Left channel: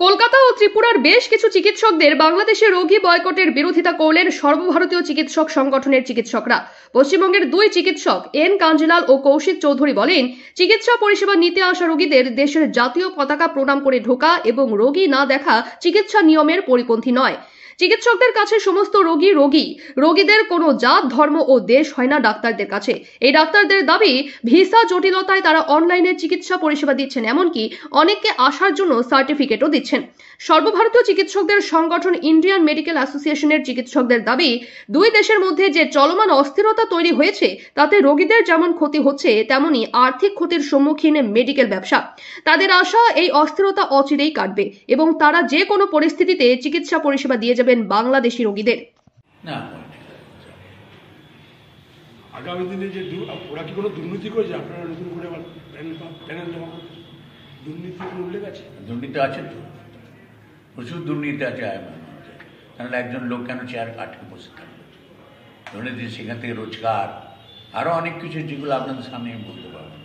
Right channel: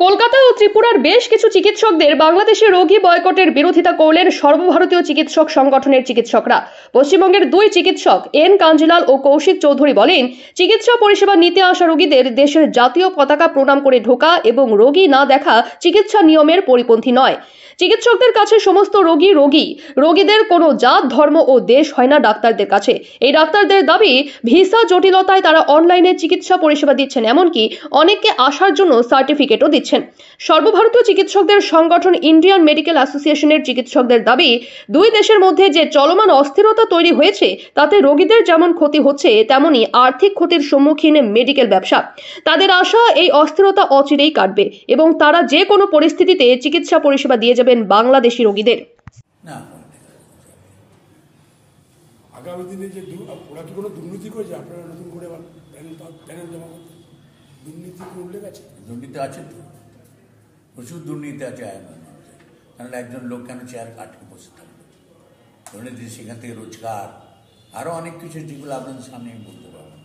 কলকাতা ও ত্রিপুরার বেশ কিছু চিকিৎসকদের বাংলাদেশে রোগী বয়কটের বিরোধিতা করলেন সর্বভারতীয় চিকিৎসক সংগঠনের চিকিৎসকরা। পশ্চিমবঙ্গের দুই চিকিৎসক এন কাঞ্জিলাল ও কৌশিক চৌধুরী বলেন, চিকিৎসা পরিষেবা নিতে আসা রোগীদের দেশের জাতীয় পতাকা প্রণাম করে ঢোকা এবং রোগী না দেখা চিকিৎসা নিয়মের পরিপন্থী নয়। চিকিৎসকদের কাছে সমস্ত রোগী রোগীদের কোনো জাত, ধর্ম ও দেশ হয় না ডাক্তারদের কাছে। এই ডাক্তারদের দাবি, ভিসা জটিলতায় তারা অনলাইনে চিকিৎসা পরিষেবা দিচ্ছেন, এমনকি অনেককে আসার জন্য সার্টিফিকেটও দিচ্ছেন। সর্বভারতীয় চিকিৎসকদের সংগঠন ইন্ডিয়ান মেডিকেল অ্যাসোসিয়েশনের চিকিৎসকদের দাবি, দুই দেশের মধ্যে যে চলমান অস্থিরতা তৈরি হয়েছে তাতে রোগীদের যেমন ক্ষতি হচ্ছে তেমনি আর্থিক ক্ষতির সম্মুখীন মেডিকেল ব্যবসা। তাদের আশা, এই অস্থিরতা অচিরেই কাটবে এবং তারা যে কোনো পরিস্থিতিতে চিকিৎসা পরিষেবা দিয়ে যাবেন বাংলাদেশি রোগীদের। না, আগামী দিনে যে ওরা কি কোনো দুর্নীতি করেছে? আপনারা নতুন করে প্যানেল জমা করতে দুর্নীতি উল্লেখ আছে? দুর্নীতি আছে তো, প্রচুর দুর্নীতি আছে আইনের মধ্যে। তাহলে একজন লোক কেন চেয়ার আটকে বসে থাকবে? দুর্নীতি সেখান থেকে রোজগার, আরও অনেক কিছু যেগুলো আপনাদের সামনে আমি বলতে পারবো,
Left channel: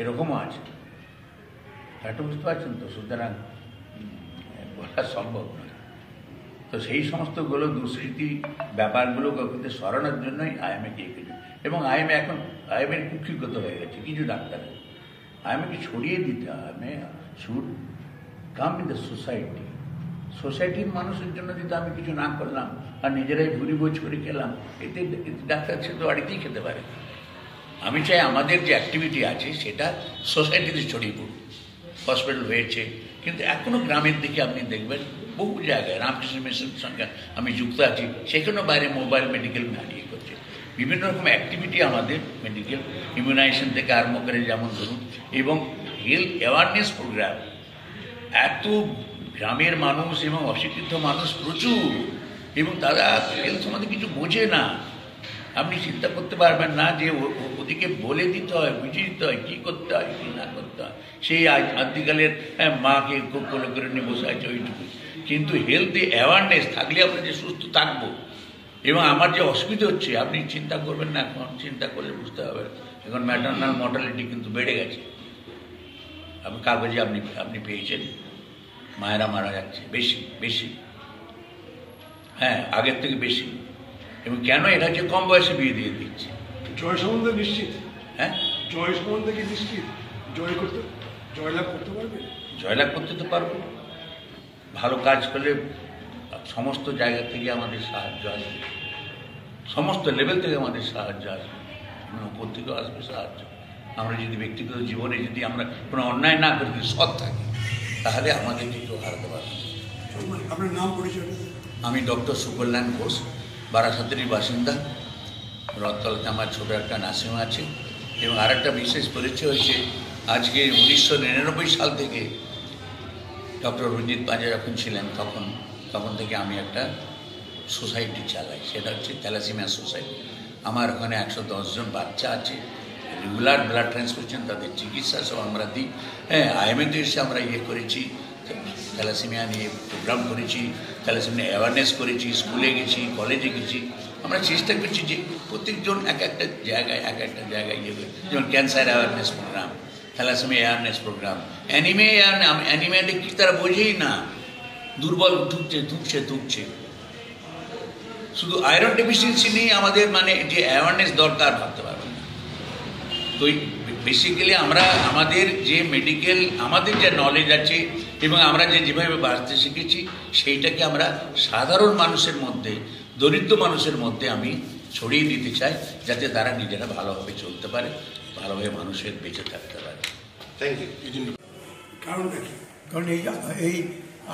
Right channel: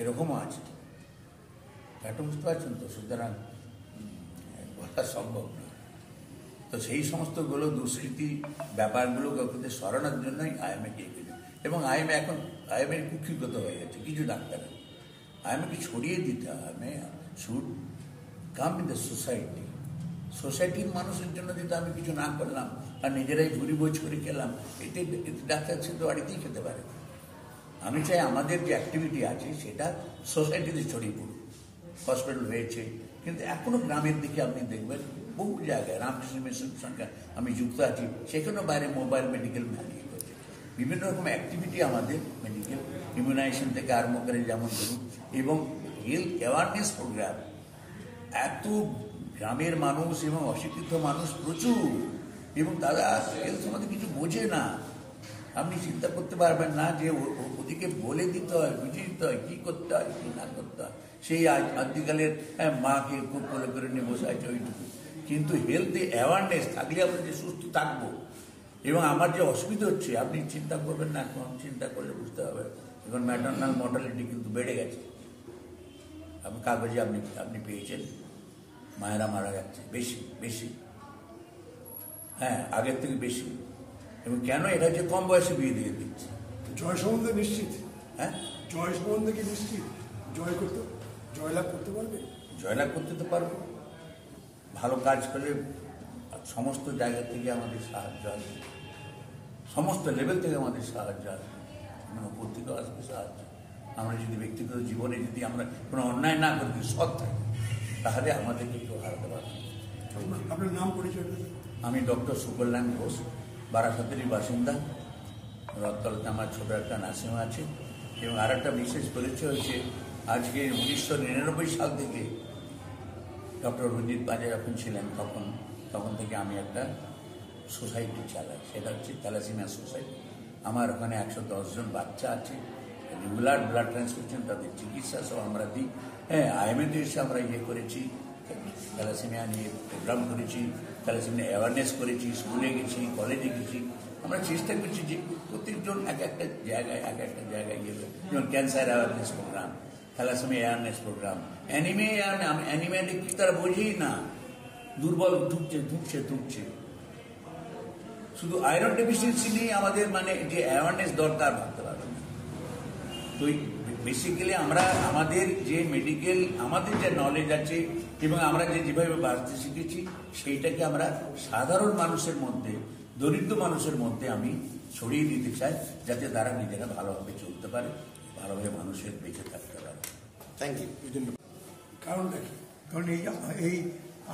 এরকমও আছে। এটা বুঝতে পারছেন তো? সুতরাং বলা সম্ভব নয়। তো সেই সমস্তগুলো দুষ্কৃতি ব্যাপারগুলোকে কিন্তু সরানোর জন্যই আইএমএ গিয়েছিল। এবং আইএমএর কুক্ষিগত হয়ে গেছে কিছু ডাক্তারের। আইএমএকে ছড়িয়ে দিতে হবে, should come in the society. সোসাইটির মানুষের জন্য যদি আমি কিছু না করলাম আর নিজেরাই ভুরি বোঝ করে খেলাম, এতে ডাক্তার সে তো বাড়িতেই খেতে পারে। আমি চাই আমাদের যে অ্যাক্টিভিটি আছে সেটা সোসাইটিতে ছড়িয়ে পড়ুক। হসপিটাল হয়েছে, কিন্তু এখনও গ্রামের দিকে আপনি দেখবেন বহু জায়গায় রামকৃষ্ণ মিশনের সঙ্গে আমি যুক্ত আছি, সেখানেও বাইরে মোবাইল মেডিকেল দাঁড়িয়ে করছে। বিভিন্ন রকম অ্যাক্টিভিটি আমাদের মেডিকেল ইমিউনাইজেশন থেকে আরম্ভ করে যেমন ধরুন, এবং হেলথ অ্যাওয়ারনেস প্রোগ্রাম। এত গ্রামের মানুষ এবং অশিক্ষিত মানুষ প্রচুর, এবং তারা হেলথ সম্বন্ধে কিছু বোঝে না। আপনি চিন্তা করতে পারবেন না যে ওদিকে বলে দিতে হয়, বুঝিয়ে দিতে হয় কী করতে হয় কী না করতে হয়। সেই আদিকালের মাকে খুব কোলে করে নিয়ে বসে আছে ওইটুকু। কিন্তু হেলথে অ্যাওয়ারনেস থাকলে আমরা যে সুস্থ থাকবো। এবং আমার যে অসুবিধা হচ্ছে আপনি চিন্তা করবেন না, এখন চিন্তা করলে বুঝতে হবে। এখন ম্যাটারনাল মর্টালিটি কিন্তু বেড়ে গেছে। আপনি কাগজে আপনি পেয়েছেন, মায়েরা মারা যাচ্ছে বেশি বেশি, হ্যাঁ আগের থেকে বেশি। এবং কেন? এরা যে কম বয়সে বিয়ে দিয়ে দিচ্ছে। জয় সম্বন্ধে নিশ্চিত? হ্যাঁ, জয় সম্বন্ধে কি নিশ্চিত? জয়লাভ করতে পারবে? জয়লাভ করতে তো পারবো। ভালো কাজ করলে সমস্ত জায়গা থেকে আমাদের সাহায্য আসবে, সমস্ত লেভেল থেকে আমাদের সাহায্য আসবে, এবং উপর থেকেও আসবে সাহায্য। আমরা যদি ব্যক্তিগত জীবনে যদি আমরা কোনো অন্যায় না করি, সৎ থাকি, তাহলে আমাদের কেউ হারাতে পারবে। আপনার নাম পরিচয়? আমি ডক্টর সুকল্যাণ ঘোষ, বারাসাতেরই বাসিন্দা। রথতলাতে আমার ছোটো একটা নার্সিং আছে। এবং আর একটা বিশেষ পরিচয় হয়েছে, আজকে 1999 সাল থেকে ডক্টর রঞ্জিত পাজা যখন ছিলেন তখন থেকে আমি একটা সোসাইটি চালাই, সেটা হচ্ছে থ্যালাসেমিয়া সোসাইটি। আমার ওখানে 110 জন বাচ্চা আছে, রেগুলার ব্লাড ট্রান্সফিউশন, তাদের চিকিৎসা সব আমরা দিই। হ্যাঁ, আইএমএতে এসে আমরা করেছি, থ্যালাসেমিয়া নিয়ে প্রোগ্রাম করেছি, থ্যালাসেমিয়া অ্যাওয়ারনেস করেছি, স্কুলে গেছি, কলেজে গেছি। আমরা চেষ্টা করছি যে প্রত্যেকজন এক একটা জায়গায় যেমন cancer awareness programme, thalassaemia awareness programme, অ্যানিমিয়াটা কি তারা বোঝেই না, দুর্বল ধুকছে। শুধু আয়রন ডেফিসিয়েন্সি নিয়ে আমাদের মানে যে অ্যাওয়ারনেস দরকার ভাবতে পারবেন না। তো বেসিক্যালি আমরা আমাদের যে মেডিকেল, আমাদের যে নলেজ আছে এবং আমরা যেভাবে বাঁচতে শিখেছি, সেইটাকে আমরা সাধারণ মানুষের মধ্যে, দরিদ্র মানুষের মধ্যে আমি ছড়িয়ে দিতে চাই, যাতে তারা নিজেরা ভালোভাবে চলতে পারে, ভালোভাবে মানুষের বেঁচে থাকতে পারে। Thank you. কারণটা কি? কারণ এই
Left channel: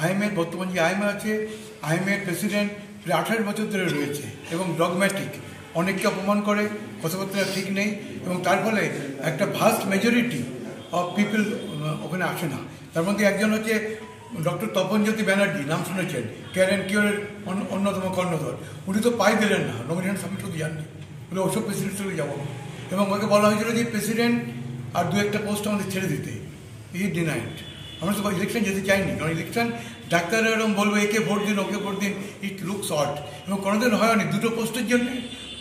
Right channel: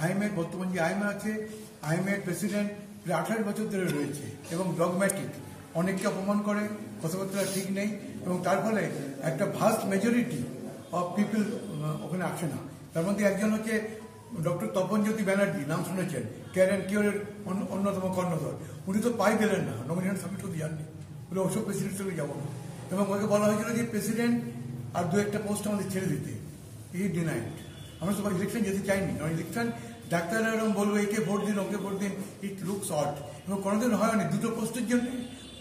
আইএমএর বর্তমান যে আইএমএ আছে, আইএমএর প্রেসিডেন্ট 18 বছর ধরে রয়েছে এবং ডগম্যাটিক, অনেককে অপমান করে, কথাবার্তা ঠিক নেই, এবং তার ফলে একটা ভাস্ট মেজরিটি অফ পিপল ওখানে আসে না। তার মধ্যে একজন হচ্ছে ডক্টর তপনজ্যোতি ব্যানার্জি, নাম শুনেছেন, কেয়ার অ্যান্ড কিওরের অন্যতম কর্ণধর। উনি তো পাই দিলেন না, নমিনেশন সাবমিট করতে যাননি, বলে ওসব প্রেসিডেন্ট যাবো না। এবং ওকে বলা হয়েছিল যে প্রেসিডেন্ট আর দু একটা পোস্ট আমাদের ছেড়ে দিতে, ই ডিনাইড। আমরা তো ইলেকশন যেতে চাইনি, কারণ ইলেকশন ডাক্তাররা এরকম বলবে একে ভোট দিন, ওকে ভোট দিন, ইট লুকস অড। এবং কোনোদিন হয়নি, দুটো পোস্টের জন্য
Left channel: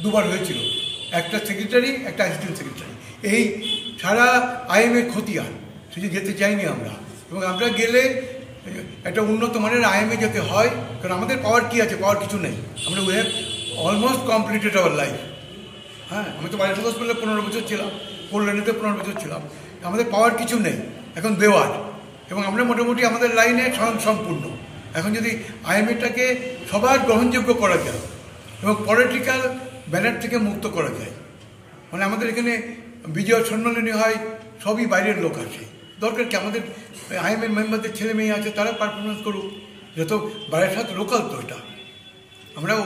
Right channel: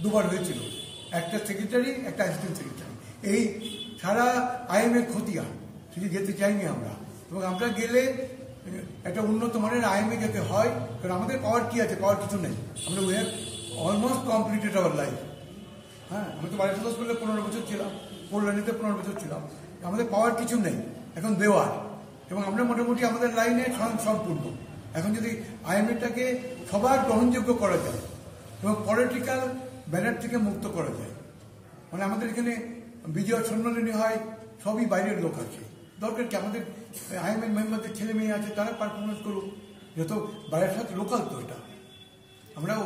দুবার হয়েছিল, একটা সেক্রেটারি, একটা অ্যাসিস্ট্যান্ট সেক্রেটারি। এই সারা আইএমএ খতিয়ান, সেটা যেতে চাইনি আমরা। এবং আমরা গেলে একটা উন্নত মানের আইএমএ যেতে হয়, কারণ আমাদের পাওয়ার কি আছে? পাওয়ার কিছু নেই। আমরা we have almost completed our life. হ্যাঁ, আমি তো বাড়ি হসপিটালে 15 বছর ছিলাম, কল্যাণীতে 15 বছর ছিলাম। আমাদের পাওয়ার কিছু নেই, এখন দেওয়ার, এবং আমরা মোটামুটি আমাদের লাইনে সম্পূর্ণ। এখন যদি আইএমএটাকে সবার গ্রহণযোগ্য করা যায় এবং পলিটিক্যাল ব্যানার থেকে মুক্ত করা যায়, মানে আমাদের এখানে বিজয় সম্মেলনী হয়, সবই বাইরের লোক আছে, দরকার কি? আমাদের আইএমএ মেম্বারদের ছেলে মেয়ে আছে, তারা পারফরমেন্স করুক। যত বারাসাত লোকাল তো এটা, আমরাও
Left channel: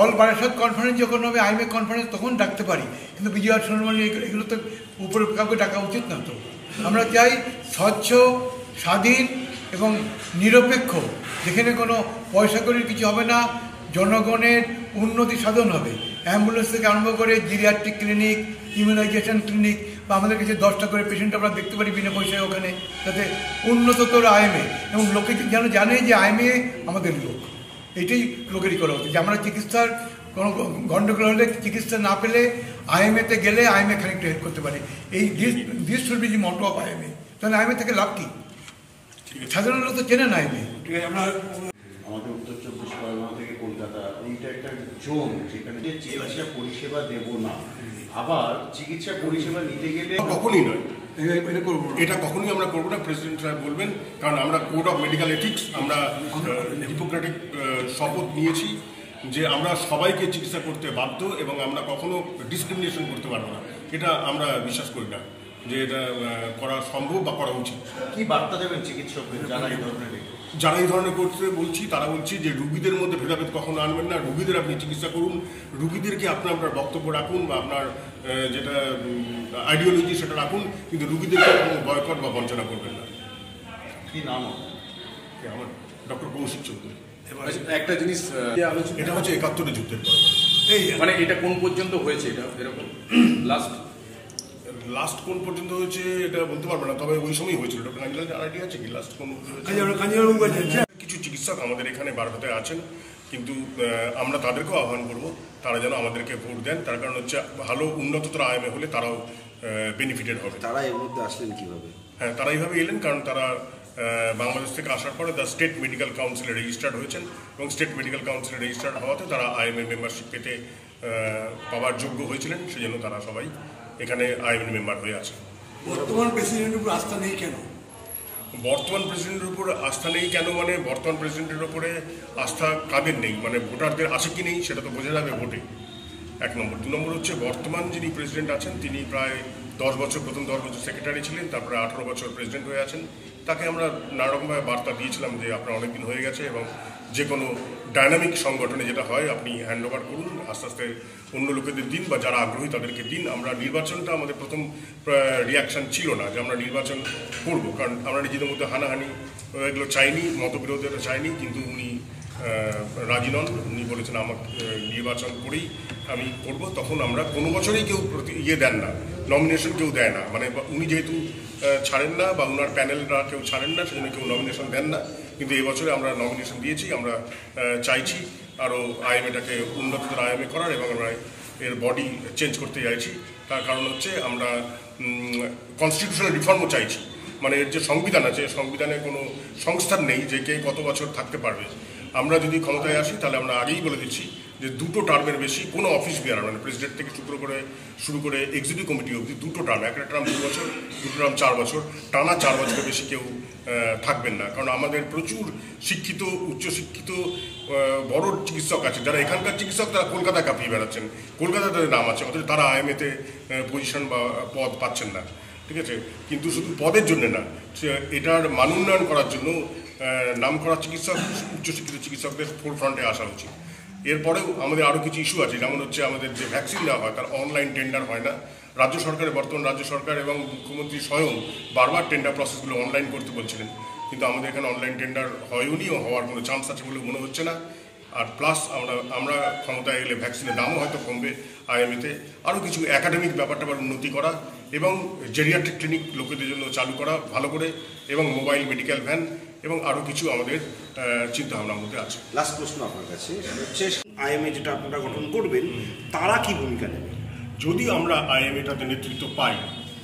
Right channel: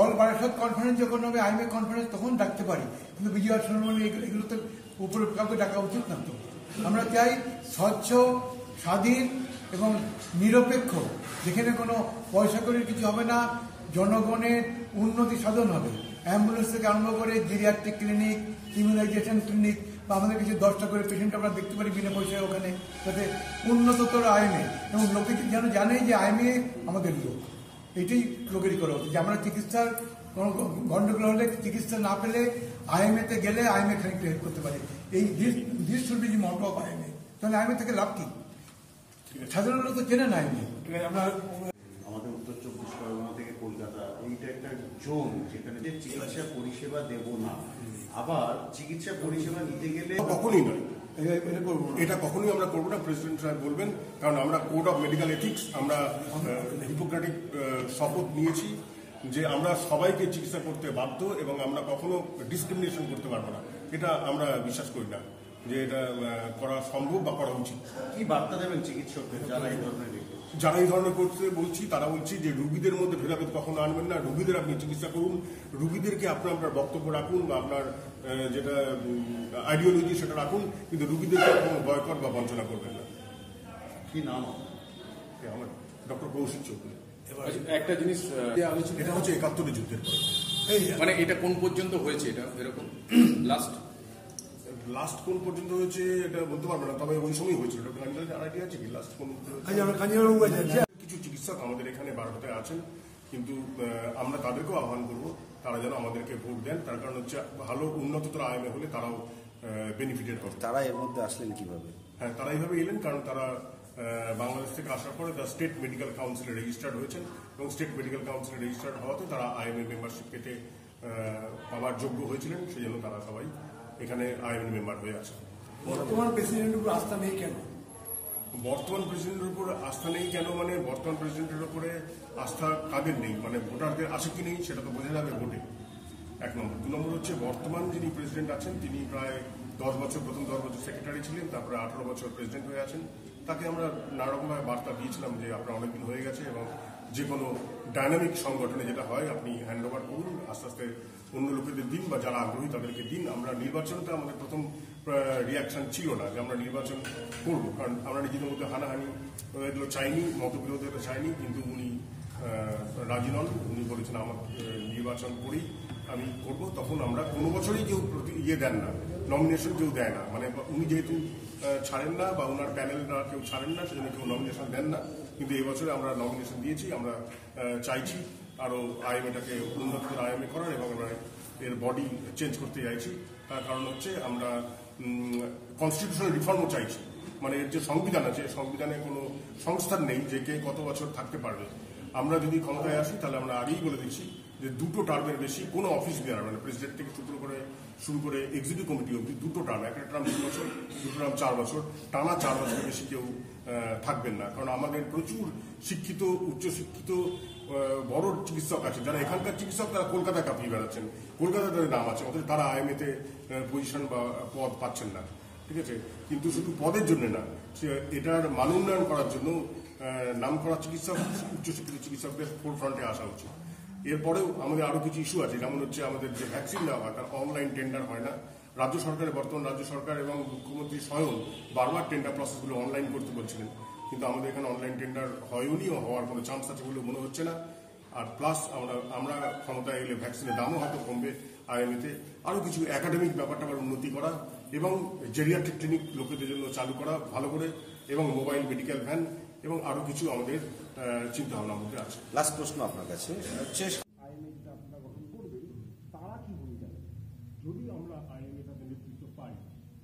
অল বারাসাত কনফারেন্স যখন হবে, আইএমএ কনফারেন্স, তখন ডাকতে পারি, কিন্তু বিজয় সম্মেলনী এগুলো তো উপরে কাউকে ডাকা উচিত না। তো আমরা চাই স্বচ্ছ, স্বাধীন এবং নিরপেক্ষ, যেখানে কোনো পয়সা করির কিছু হবে না, জনগণের উন্নতি সাধন হবে। অ্যাম্বুলেন্স থেকে আরম্ভ করে জিরিয়াট্রিক ক্লিনিক, ইমিউনাইজেশন ক্লিনিক, বা আমাদের কাছে 10টা করে পেশেন্ট আমরা দেখতে পারি বিনা পয়সায় ওখানে, যাতে উন্নততর আইএমএ, এবং লোকে যেন জানে যে আইএমএ আমাদের লোক। এটাই লোকেরই করা উচিত, যে আমরা চিকিৎসার কোনো গণ্ডগোল হলে, চিকিৎসা না পেলে আইএমএতে গেলে আইএমএ খানিকটা হেল্প করতে পারে। এই this should be the motto of IMA. তাহলে আইএমএ থেকে লাভ কি? সাধারণ লোক তো চেনে না আইএমএ। আমাদের উত্তর 24 পরগনা থেকে কলকাতা, ওইটা একটা জোন যেখানে যে চিকিৎসা পরিষেবা দেব না, আবার চিকিৎসা পরিষেবা নিতে গেলে কখনই নয়, এটা কখনোই আমরা করবো না। প্রেসিডেন্ট সাহেব বলবেন, কারণ আমরা কোড অফ মেডিকেল এথিক্স, আমরা হিপোক্রেটিক শপথ নিয়েছি যে আমরা সবাইকে চিকিৎসা করতে বাধ্য এবং আমরা কখনো ডিসক্রিমিনেশন করতে পারবো না। এটা আমরা বিশ্বাস করি না যে এটা করা সম্ভব বা করা উচিত। কি বার্তা দেবেন চিকিৎসকদের যারা এই ধরনের করতে বলছি? তারা বলছি যে রুগীদের মধ্যে ভেদাভেদ কখনো আনবেন না, রুগীদের আপনি চিকিৎসা করুন, রুগীদেরকে আপনার বক্তব্য রাখুন বা আপনার যেটা আইডিওলজি সেটা রাখুন, কিন্তু রুগীদেরকে কোনো বয়কট বা বঞ্চনা করবেন না। কি নাম? আমার ডক্টর কৌশিক চৌধুরী। একটা জিনিস এটা হচ্ছে 71 যুদ্ধের পর, মানে এটা কোন পর্যন্ত হয়েছে? এটা এরকম লাস্ট কোন পর্যন্ত হয়েছে এটা বলতে পারবো না, তবে ওই সময় হয়েছিল। ডক্টর কাঞ্জিলাল আইডিয়া আছে কি লাস্ট কোন? কিছু চিকিৎসক আমাদের এখানে বারোতে আছেন, কিন্তু আমরা তাদেরকেও আহ্বান করব তারা যেন আমাদেরকে ভোট দেন। তার কারণ হচ্ছে ভালো উন্নততর আইএমএ হলে তারাও বেনিফিটেড হবে। তারা এর মধ্যে আসলেন কিভাবে? হ্যাঁ, তারা এইভাবে এলেন, কারণ তারা বাংলাদেশ থেকে আসার পরে দ্য স্টেট মেডিকেল কাউন্সিলে রেজিস্টার্ড হয়েছেন এবং স্টেট মেডিকেল কাউন্সিলে রেজিস্টার্ড হওয়াতে তারা আইএমএ মেম্বারশিপ পেতে পাওয়ার যোগ্য হয়েছিলেন, সেজন্য তারা সবাই এখানে আইএমএ মেম্বার হয়ে আছে। বর্তমান প্রেসিডেন্টের উপর আস্থা নেই কেন? বর্তমান প্রেসিডেন্টের উপর আস্থা নেই কেন মানে বর্তমান প্রেসিডেন্টের উপরে আস্থা কাদের নেই, মানে ভোটারদের আছে কি নেই সেটা তো বোঝা যাবে ভোটে, 1 নম্বর। 2 নম্বর হচ্ছে বর্তমান যিনি প্রেসিডেন্ট আছেন তিনি প্রায় 10 বছর, প্রথম 10 বছর সেক্রেটারি ছিলেন, তারপরে 18 বছর প্রেসিডেন্ট হয়ে আছেন। তাকে আমরা নানারকমভাবে বার্তা দিয়েছিলাম যে আপনার অনেকদিন হয়ে গেছে এবং যে কোনো ডায়নামিক সংগঠনে যেটা হয় আপনি হ্যান্ড ওভার করুন, আস্তে আস্তে অন্য লোকেদের দিন বা যারা আগ্রহী তাদেরকে দিন। আমরা নির্বাচনটা আমাদের প্রথম রিয়াকশান ছিল না যে আমরা নির্বাচন করব, কারণ আমরা নিজেদের মধ্যে হানাহানি এগুলো চাইনি, মতবিরোধটা চাইনি, কিন্তু উনি রাজি নন। উনি বলেছেন আমাকে নির্বাচন করেই আমি করব। তখন আমরা কোনো বছরই কেউ দেন না, নমিনেশন কেউ দেয় না, মানে উনি যেহেতু ছাড়েন না বা ওনার প্যানেলরা কেউ ছাড়েন না, সেজন্য কেউ নমিনেশন দেন না। কিন্তু এবছরে আমরা নমিনেশন দিয়েছি, আমরা চাইছি আরও আইএমএটাকে উন্নততর আইএমএ করার এবং আমরা এর বডি চেঞ্জ করতে চাইছি। তার কারণ হচ্ছে আমরা কনস্টিটিউশনাল রিফর্মও চাইছি, মানে এর যে সংবিধান আছে, সংবিধানে কোনো সংস্থান নেই যে কে কত বছর থাকতে পারবে। আমরা যদি ক্ষমতায় আসি তাহলে আমরা আগেই বলে দিচ্ছি যে 2টো টার্মের বেশি কোনো অফিস বিয়ার, মানে প্রেসিডেন্ট থেকে শুরু করে এক্সিকিউটিভ কমিটি অবধি 2টো টার্ম, একটা টার্ম 2 বছর, 2টো টার্ম 4 বছর, টানা 4 বছরের বেশি কেউ থাকবেন না। কারণ আমাদের প্রচুর শিক্ষিত, উচ্চশিক্ষিত বড় চিকিৎসক আছে, যারা এখানকার চিকিৎসক তারা কলকাতা কাঁপিয়ে বেড়াচ্ছেন, কলকাতাতে নাম আছে, অথচ তারা আইএমএতে পজিশন বা পদ পাচ্ছেন না। ঠিক আছে, কিন্তু শুধু পদের জন্য না, এটার মান উন্নয়ন করার জন্য নাম করা চিকিৎসক, উচ্চশিক্ষিত চিকিৎসকদের ফোরফ্রন্টে আসা উচিত। এরপরেও আমাদের আরও কিছু ইস্যু আছে, যেমন হচ্ছে আমাদের যে ভ্যাকসিন দেওয়া হয় তার অনলাইন টেন্ডার হয় না। বর্তমান রাজ্য সরকার এবং মুখ্যমন্ত্রী স্বয়ং বারবার টেন্ডার প্রসেসগুলো অনলাইন করতে বলছিলেন, কিন্তু আমাদের এখানে অনলাইন টেন্ডার হয়নি ও হওয়ার কোনো চান্স আছে বলে মনে হচ্ছে না। আর প্লাস আমরা ক্ষমতায় এলে ভ্যাকসিনের দামও হয়তো কমবে আইএমএতে। আরও কিছু একাডেমিক ব্যাপারটা উন্নতি করা এবং জেরিয়াট্রিক ক্লিনিক লোকেদের জন্য চালু করা ভালো করে, এবং মোবাইল মেডিকেল ভ্যান, এবং আরও কিছু আমাদের চিন্তাভাবনার মধ্যে আছে। লাস্ট প্রশ্ন আপনার কাছে, হচ্ছে আইএমএ যেটা আপনারা গঠন করবেন তারা কি ভূমিকা নেবে? যদি আমরা আইএমএটাতে নেতৃত্ব পাই,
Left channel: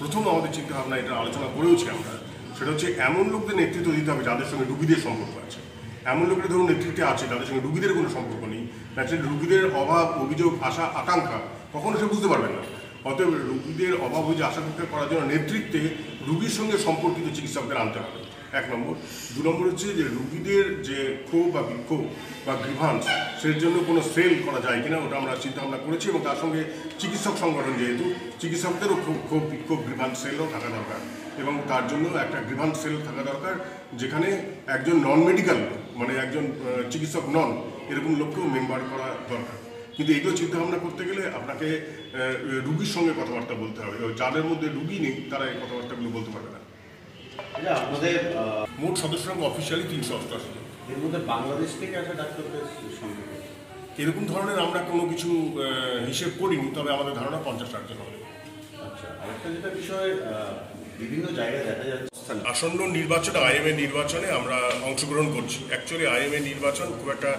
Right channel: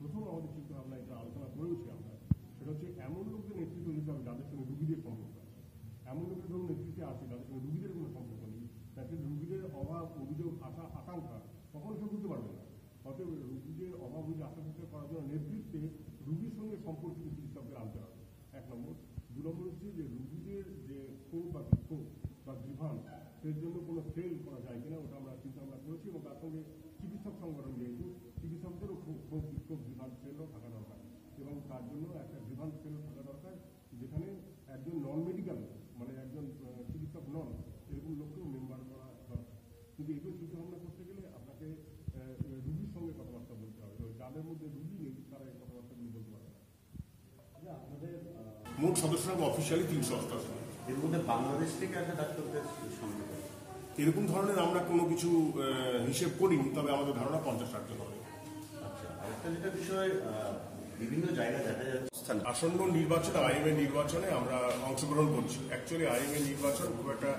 প্রথম আমাদের চিন্তাভাবনা, এটা আলোচনা করেওছি আমরা, সেটা হচ্ছে এমন লোকদের নেতৃত্ব দিতে হবে যাদের সঙ্গে রুগীদের সম্পর্ক আছে। এমন লোকের ধরুন নেতৃত্বে আছে তাদের সঙ্গে রুগীদের কোনো সম্পর্ক নেই, ন্যাচারালি রুগীদের অভাব, অভিযোগ, আশা, আকাঙ্ক্ষা কখনো সে বুঝতে পারবেন না। অতএব রুগীদের অভাব, অভিযোগ, আশাকাঙ্ক্ষা করার জন্য নেতৃত্বে রুগীর সঙ্গে সম্পর্কিত চিকিৎসকদের আনতে হবে, 1 নম্বর। 2 নম্বর হচ্ছে যে রুগীদের যে ক্ষোভ বা বিক্ষোভ বা গ্রিভান্স, সের জন্য কোনো সেল করা যায় কিনা ওটা আমরা চিন্তা ভাবনা করেছি, এবং তার সঙ্গে চিকিৎসক সংগঠন যেহেতু চিকিৎসকদেরও ক্ষোভ বিক্ষোভ গ্রিভান্স সেলও থাকা দরকার, এবং তার জন্য একটা গ্রিভান্স সেল থাকা দরকার যেখানে একজন নন মেডিকেল মানে একজন চিকিৎসক নন এরকম লোককেও মেম্বার করা দরকার। কিন্তু এগুলো চিন্তাভাবনা করতে গেলে আপনাকে রুগীর সঙ্গে কথাবার্তা বলতে হবে, যাদের মধ্যে রুগী নেই তারা এই কথাবার্তাগুলো বলতে পারবে না। আপনাদের মোট সদস্য সংখ্যা অফিসিয়ালি 388 জন। এর মধ্যে বাংলাদেশ থেকে আসা ডাক্তারদের সংখ্যা এরকম ধরনের আমরা কোনো কিছু হিসেব করিনি, তবে আমাদের ধারণা 50-60 জন হবে। আচ্ছা, আরেকটা যেটা বিষয় বিভিন্ন জায়গায় দেখা যাচ্ছে আসন্ন নির্বাচনে, আইএমএ নির্বাচনে আমরা অংশগ্রহণ করছি। অ্যাকচুয়ালি আইএমএ নির্বাচন খুব একটা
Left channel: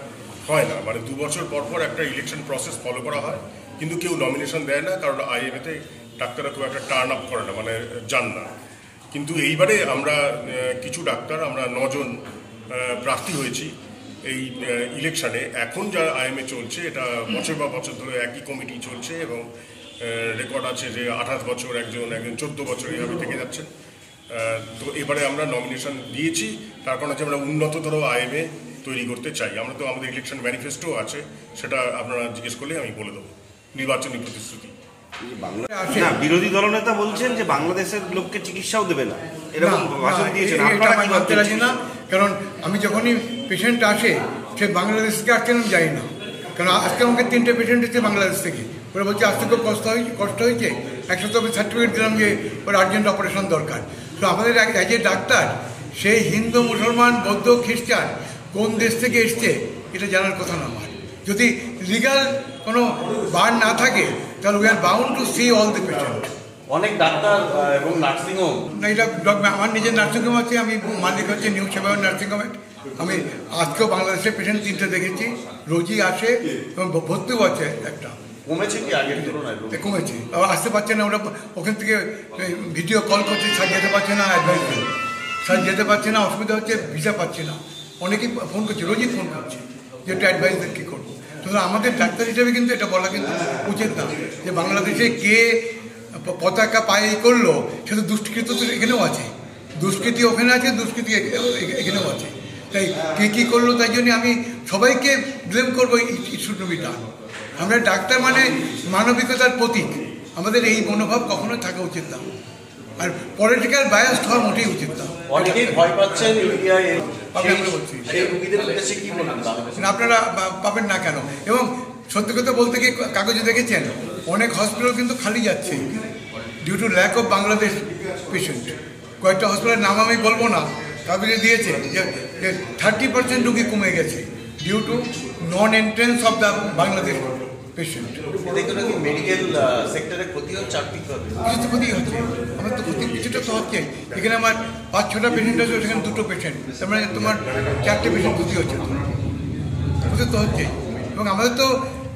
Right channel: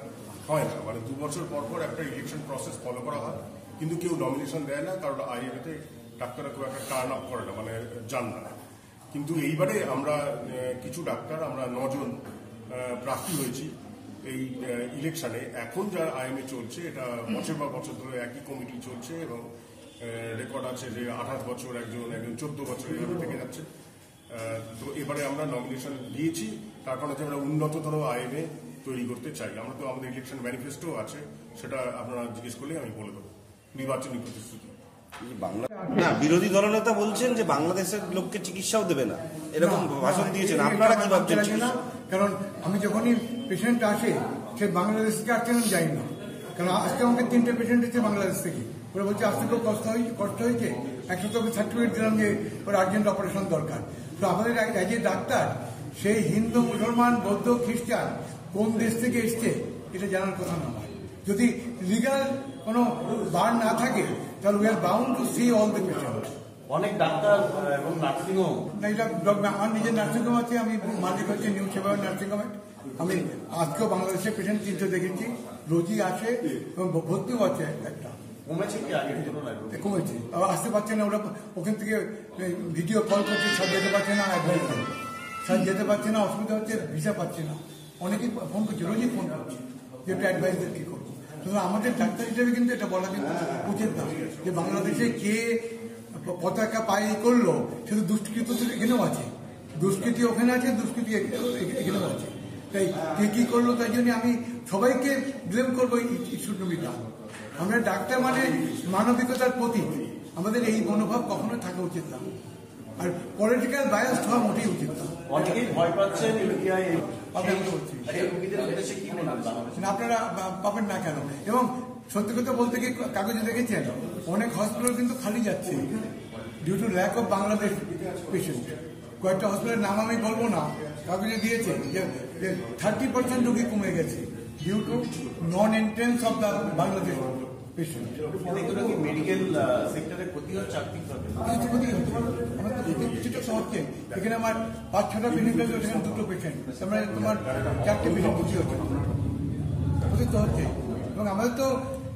হয় না, মানে 2 বছর পর পর একটা ইলেকশন প্রসেস ফলো করা হয়, কিন্তু কেউ নমিনেশন দেয় না, কারণ আইএমএতে ডাক্তাররা খুব একটা টার্ন আপ করে না, মানে যান না। কিন্তু এইবারে আমরা কিছু ডাক্তার, আমরা 9 জন প্রার্থী হয়েছি এই ইলেকশনে। এখন যা আইএমএ চলছে এটা বছর বা বছর ধরে একই কমিটি চলছে, এবং রেকর্ড আছে যে 28 বছর একজন 14 বছর এইভাবে থেকে যাচ্ছেন। তো এবারে আমরা নমিনেশন দিয়েছি, তার কারণ হচ্ছে আমরা উন্নততর আইএমএ তৈরি করতে চাই। আমরা তো আমাদের ইলেকশন ম্যানিফেস্টো আছে, সেটা আপনারা জিজ্ঞেস করলে আমি বলে দেবো, নির্বাচনী প্রতিশ্রুতি। বিরোধী দলনেতা বলছেন যে বাংলাদেশের লোককে চিকিৎসাও দেবে না, এরকম ভাষণ দিয়েছেন। না, কারণ আমি যখনই পেশেন্ট আসে সে বাংলাদেশ থেকে আসছে আমি জানি না, কারণ আজকে আমাকে 3টে পেশেন্ট এসেছে বাংলাদেশ থেকে। ওরা বলছে আসতে খুব কষ্ট হয়েছে, 100 সার্টিফিকেট দিলাম যে ওর আর্জেন্ট অপারেশন দরকার। তো আমাদের যে ডাক্তার সেই হিন্দু, মুসলমান, বৌদ্ধ, খ্রিস্টান কোন দেশ থেকে এসছে এটা জানার কথা না আমার। যদি লিগাল কোনো বার না থাকে তাহলে we are bound to see all the patient. অনেক ডাক্তার এবং নার্সিংহোম, না এটা আমার নিজের নার্সিংহোম আছে, আমি মালিক হচ্ছে নিউ সেবা নার্সিংহোমের। আমি আজকেও বাংলাদেশের পেশেন্ট 3টে দেখেছি, রোজই আসে এবং ভর্তিও আছে একটা। কমেছে কি আগের তুলনায়? কমেছে, আবার আসতে পারছে না, ওরা ওখান থেকে ভিডিও কল করছে, স্যার যেতে পারছে না, অ্যাডভাইস করে স্যার যেতে পারছে না, অসুবিধা হচ্ছে, ভিসা পাচ্ছে না। অনেকেই ফোন করছে, রোজই ফোন করছে যে একটু অ্যাডভাইস দেন কী করবো। সুতরাং আমাদের ডাক্তার হিসেবে কিন্তু এটা বলা কিন্তু উচিত না যে বাংলাদেশে কে পতাকা পায়ে করলো, সেটা দুষ্কৃত তো এখানেও আছে, দুষ্কৃতি ওখানে আছে, দুষ্কৃতি এখানেও আছে। তাই কে কী করলো তাই জন্য আমি সবাইকে ব্লেম করবো, it should not be done. আমরা ডাক্তার মানে মানবিকতার প্রতীক, আমাদের এই মনোভাব কখনো থাকা উচিত না, আর পলিটিক্যাল বায়াসড হওয়ার মোটেই উচিত না। অনেকেই ভয় পাচ্ছেন ইউটিআই, বলছি সেই রোগীদের উদ্দেশ্যে কি বলবেন? আপনারা পাবেন না কেন? এবং সত্যি কথা বলতে কি, কাগজে দেখেছেন অনেক হসপিটাল কিন্তু খালি যাচ্ছে due to lack of Bangladesh patient. কয়েকটা হসপিটালের নাম আমি বলবো না, কাগজে দিয়েছে যে 30% রুগী কমে গেছে due to non entrance of the Bangladesh patient. এতে কি মেডিকেল সেক্টরে ক্ষতি হচ্ছে আর্থিকভাবে? কিছু তো ক্ষতি হচ্ছে, আমার তো ক্ষতি কিছুটা তো হচ্ছে। এখানে আমার 5-6টা পেশেন্ট আছে, সেখানে 2টো পেশেন্ট, তার মানে তোমার 4টে পেশেন্ট ক্ষতি হচ্ছে, ক্ষতি তো হচ্ছে। এবং আমাদের তো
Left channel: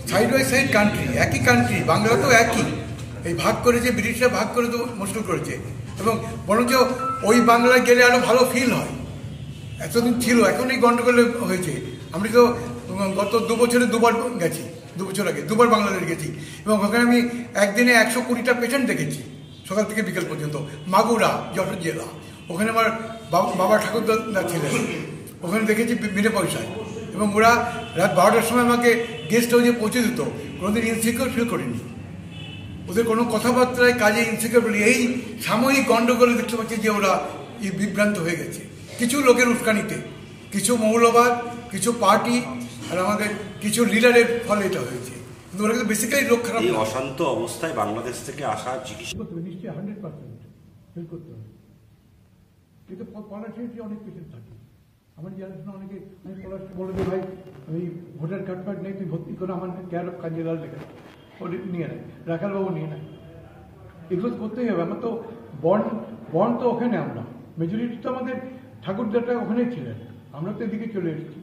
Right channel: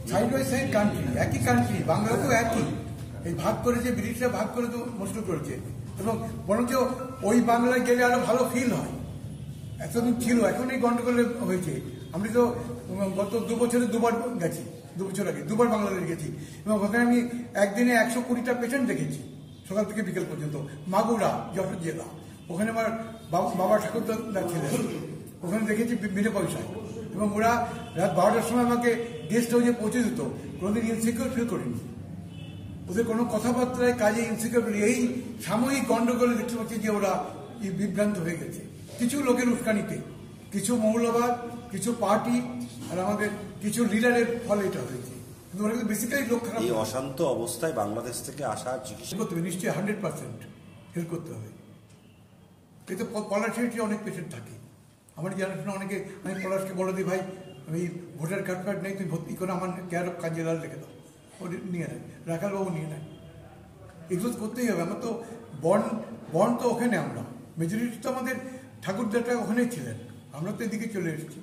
সাইড বাই সাইড কান্ট্রি, একই কান্ট্রি, বাংলা তো একই। এই ভাগ করেছে, ব্রিটিশরা ভাগ করে তো মুশকিল করেছে, এবং বরঞ্চ ওই বাংলায় গেলে আরও ভালো ফিল হয়। এতদিন ছিল, এখন এই গণ্ডগোল হয়েছে। আমি তো গত 2 বছরে 2বার গেছি, 2 বছর আগে 2বার বাংলাদেশ গেছি, এবং ওখানে আমি একদিনে 120টা পেশেন্ট দেখেছি, সকাল থেকে বিকেল পর্যন্ত। মাগুরা, যশোর জেলা, ওখানে আমার বাবা ঠাকুরদা ছিলেন, ওখানে দেখেছি বিনা পয়সায়। এবং ওরা রাত 12টার সময় আমাকে গেস্ট হাউসে পৌঁছে দিত, কোনোদিন ইনসিকিউর ফিল করিনি। ওদের কোনো কথাবার্তায় কাজে ইনসিকিউর বলি, এই সাময়িক গণ্ডগোলে দেখতে পাচ্ছি যে ওরা বিভ্রান্ত হয়ে গেছে কিছু লোকের উস্কানিতে, কিছু মৌলবাদ, কিছু পার্টি, আর আমাদের কিছু লিডারের ফলে এটা হয়েছে। কিন্তু ওরা কিন্তু বেসিক্যালি লোক খারাপ। অশান্ত অবস্থায় বাংলাদেশ থেকে আসা চিকিৎসা করতে হবে, নিশ্চয়ই 100% হেল্প করতে হবে। এতে পলাশে অনেক পেশেন্ট থাকে, আমার জানাশোনা অনেকে, আমি পলাশকে বলে দিই, ভাই আমি ভোটার কার্ড নেই, তুই ভর্তি করে আমার কেয়ার অফ কাঞ্জিলাল লিখে দাও, ও নিয়ে নেয়, রাখালবাবু নিয়ে নেয়। এগুলো করতেই হবে। আমার তো বন তো ওখানে, আমরা মেজরিটি তো আমাদের ঠাকুরদাটা ওখানেই ছিলেন, আমরা তো এদিকে চলে এসেছি।